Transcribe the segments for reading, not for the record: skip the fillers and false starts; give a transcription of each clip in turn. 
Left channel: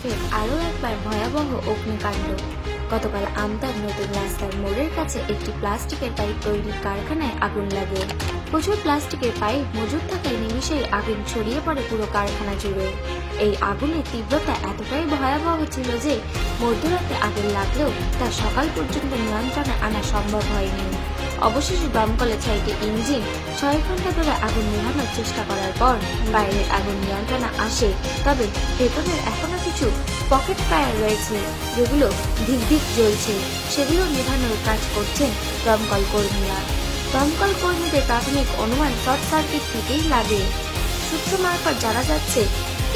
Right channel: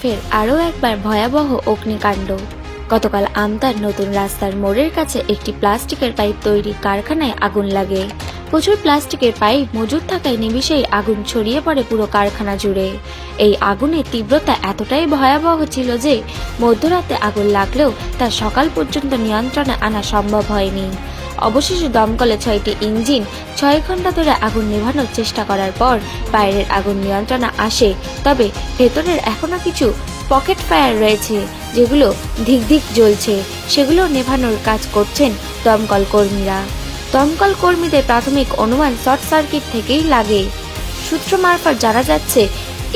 ফের আরও একবার ভয়াবহ অগ্নিকাণ্ড। গতকাল আমতার নতুন রাস্তার মোড়ের কাছে একটি প্লাস্টিকের পাইপ তৈরির কারখানায় আগুন লাগে। প্রচুর প্লাস্টিকের পাইপ মজুদ থাকায় নিমিষেই আগুন ছড়িয়ে পড়ে পুরো কারখানা জুড়ে। এই আগুনের তীব্রতা এতটাই ভয়াবহ ছিল যে মধ্যরাতে আগুন লাগলেও তা সকাল পর্যন্ত নিয়ন্ত্রণে আনা সম্ভব হয়নি। অবশেষে দমকলে 6টি ইঞ্জিন 6 ঘন্টা ধরে আগুন নেভানোর চেষ্টা করার পর বাইরের আগুন নিয়ন্ত্রণে আসে। তবে ভেতরের এখনো কিছু পকেট ফায়ার রয়েছে, যেগুলো ধিক জ্বলছে। সেগুলো নেভানোর কাজ করছেন দমকল কর্মীরা। দমকল কর্মীদের প্রাথমিক অনুমান শর্ট সার্কিট থেকেই লাগে। সূত্র মারফত জানা যাচ্ছে,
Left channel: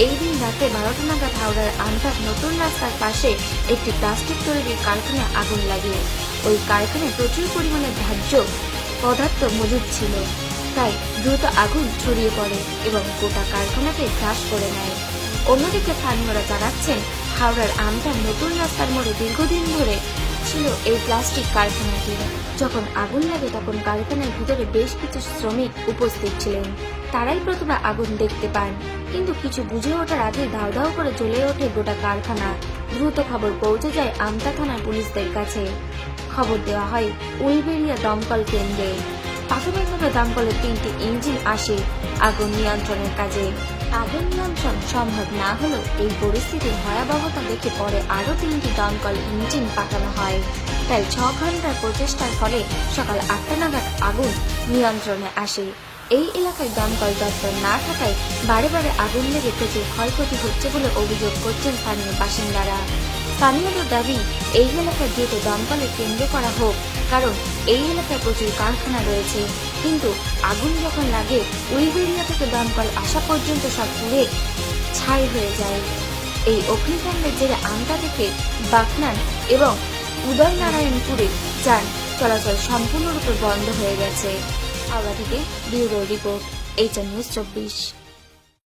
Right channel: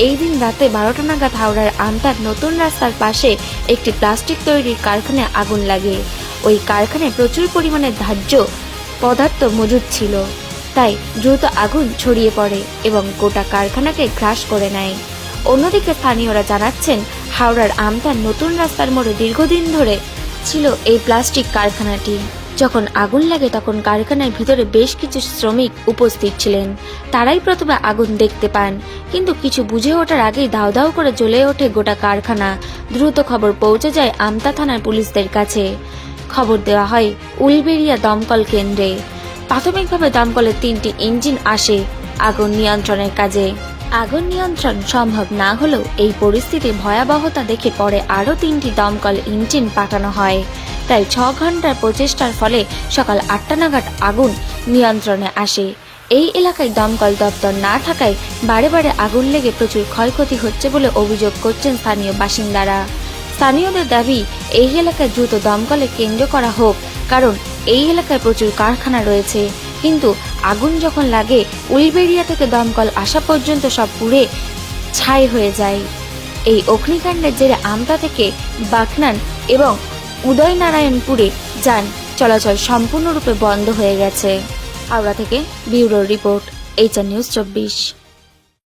এই দিন রাতে 12টা নাগাদ হাওড়ার আমতার নতুন রাস্তার পাশে একটি প্লাস্টিক তৈরির কারখানায় আগুন লাগে। ওই কারখানায় প্রচুর পরিমাণে দাহ্য পদার্থ মজুদ ছিল, তাই দ্রুত আগুন ছড়িয়ে পড়ে এবং গোটা কারখানাকে গ্রাস করে নেয়। অন্যদিকে স্থানীয়রা জানাচ্ছেন, হাওড়ার আমতার নতুন রাস্তার মোড়ে দীর্ঘদিন ধরে ছিল এই প্লাস্টিক কারখানাটি। যখন আগুন লাগে তখন কারখানার ভিতরে বেশ কিছু শ্রমিক উপস্থিত ছিলেন। তারাই প্রথমে আগুন দেখতে পান, কিন্তু কিছু বুঝে ওঠার আগেই দাউ দাউ করে জ্বলে ওঠে গোটা কারখানা। দ্রুত খবর পৌঁছে যায় আমতা থানার পুলিশদের কাছে। খবর দেওয়া হয় উলবেড়িয়া দমকল কেন্দ্রে। প্রাথমিকভাবে দমকলের 3টি ইঞ্জিন আসে আগুন নিয়ন্ত্রণের কাজে। আগুন নিয়ন্ত্রণ সম্ভব না হলেও এই পরিস্থিতির ভয়াবহতা দেখে পরে আরও 3টি দমকল ইঞ্জিন পাঠানো হয়। প্রায় 6 ঘন্টার প্রচেষ্টার ফলে সকাল 8টা নাগাদ আগুন নিয়ন্ত্রণে আসে। এই এলাকায় দমকল দপ্তর না থাকায় বারে বারে আগুন লেগে প্রচুর ক্ষয়ক্ষতি হচ্ছে বলে অভিযোগ করছেন স্থানীয় বাসিন্দারা। স্থানীয়দের দাবি, এই এলাকায় দ্রুত দমকলে কেন্দ্র করা হোক, কারণ এই এলাকায় প্রচুর কারখানা রয়েছে। কিন্তু আগুন যখন লাগে, উলবেড়িয়া থেকে দমকল আসা পর্যন্ত সব পুড়ে ছাই হয়ে যায়। এই অগ্নিকাণ্ডের জেরে আমতা থেকে বাকনান এবং উদয়নারায়ণপুরে যান চলাচল সম্পূর্ণরূপে বন্ধ হয়ে গেছে। হাওড়া থেকে ব্যুরো রিপোর্ট, HR নিউজ 24।